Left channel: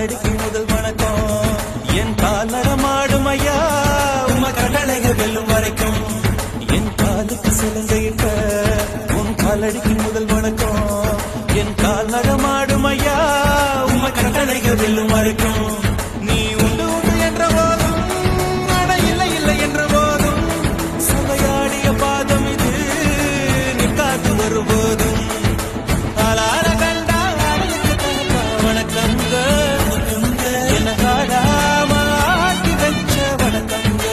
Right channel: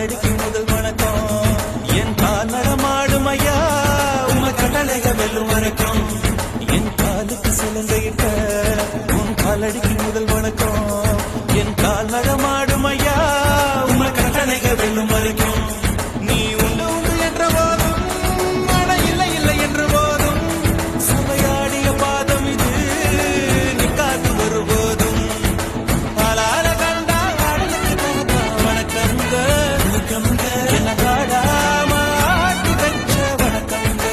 காலடிக்கு முதல் வணக்கம் என் கால் நடமாடும் ஐயா உங்க கடலைய வெல்லும் வரைக்கும் என் காலுக்கு சிலந்தையிட்ட உன் காலடிக்கு முதல் வணக்கம் என் கால் நடமாடும் ஐயா உங்க கடலைய வெல்லும் வரைக்கும் நீ உண்டு உண்டு என்ற போதும் அட இல்லை இல்லை என்ற போதும் சபையாடிய பாதம் இது நிக்காது வருபோதும் ஆளார கண்டா ஆடலுக்கு தகப்பா வணக்கங்க என்ன காடாம ஆட்டி வச்ச வணக்கங்க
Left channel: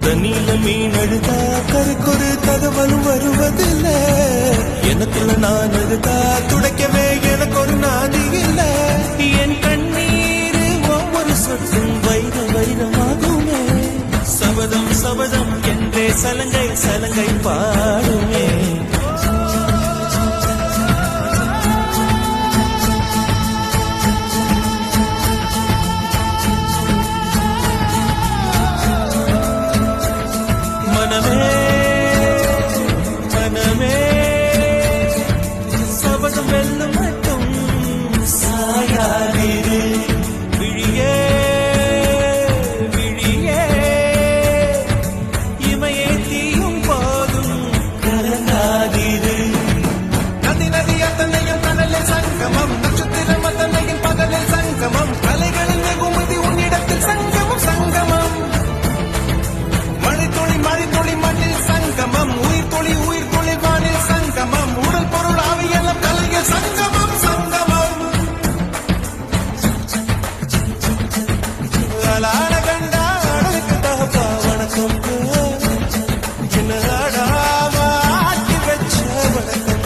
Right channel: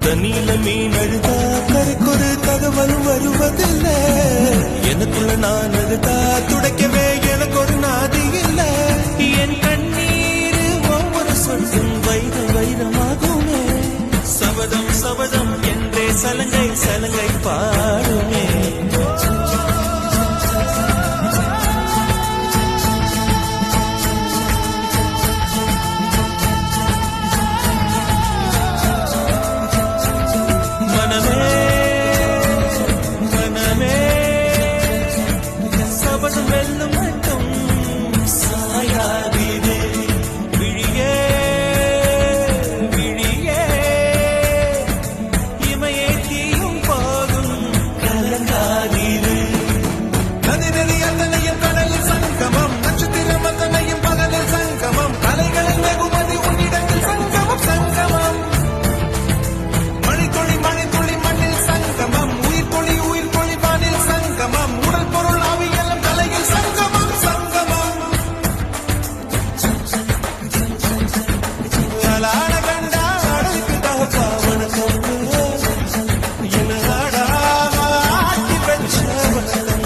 தண்ணியில மீன் அழுதா கரைக்கொரு தகவலும் வருவதில்ல எனக்குள்ள நான் அழுதா துடைக்கவே எனக்கு ஒரு நாதி இல்ல என் கண்ணீர் ஒவ்வொரு சொட்டும் வைரம் வைரமாகுமே சபதம் சபதம் என்றே சலங்கை சலங்கை பாடுமே மனமே மனமே சபதம் வெல்லும் மட்டும் சாயாதீரு விழியே விழியே இமையே தீயும் போதும் கலங்காதீரு ஆளாட கண்டா ஆடலுக்கு தகப்பா வணக்கம் என்ன ஆடாம ஆட்டி வச்ச வணக்கம்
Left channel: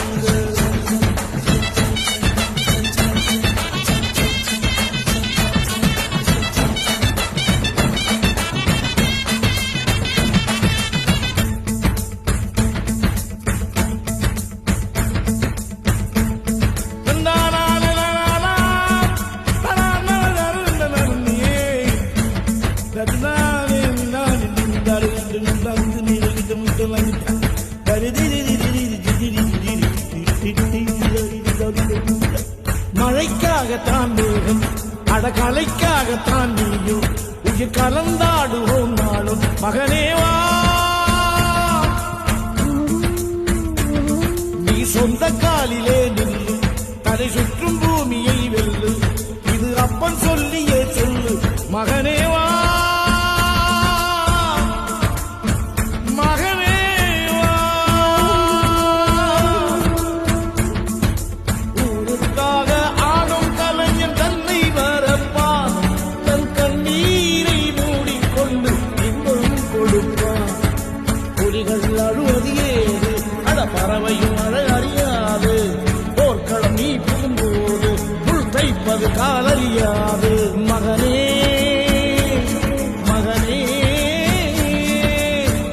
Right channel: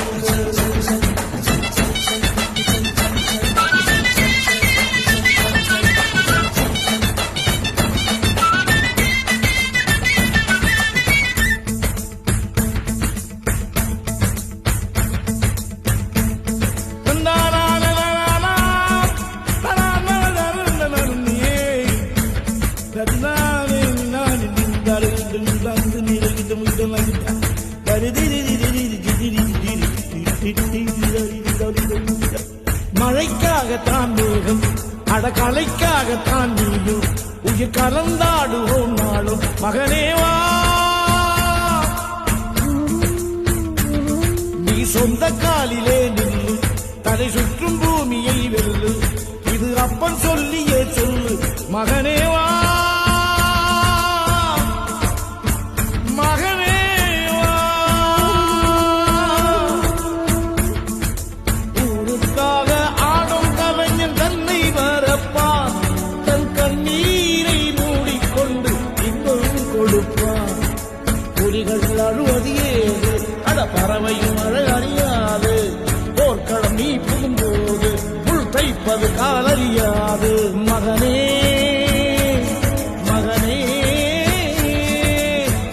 மழைக்காகத்தான் மேகம் அடகலைக்காகத்தான் நீயும் உயிர் கலந்தாடுவோம் நாளும் மகனேவா நீ சொந்த காலிலே நில்லு தலை சுற்றும் பூமியை வெல்லு இது அப்பன் சொல்லியே சொல்லு மகனேவா மகனேவா ஊருக்காக ஆடும் கலைஞன் தன்னை வரப்பான் தன் கண்ணீரை மூடிக்கொண்டு இன்பம் கொடுப்பான் புலிகள் அழுவது ஏது அட பறவையும் அழ அறியாது போர்க்களம் நீ புகும்போது முள் தைப்பது காலறியாது மகனே மகனே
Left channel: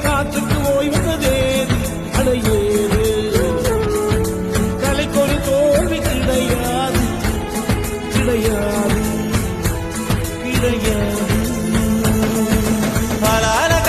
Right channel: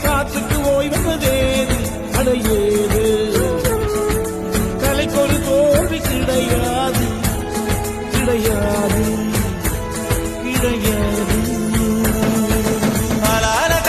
காத்துக்கு ஓய்வதேது அடையேது கலைக்கொரு தோல்வி கிடையாது கிடையாது கிடையாது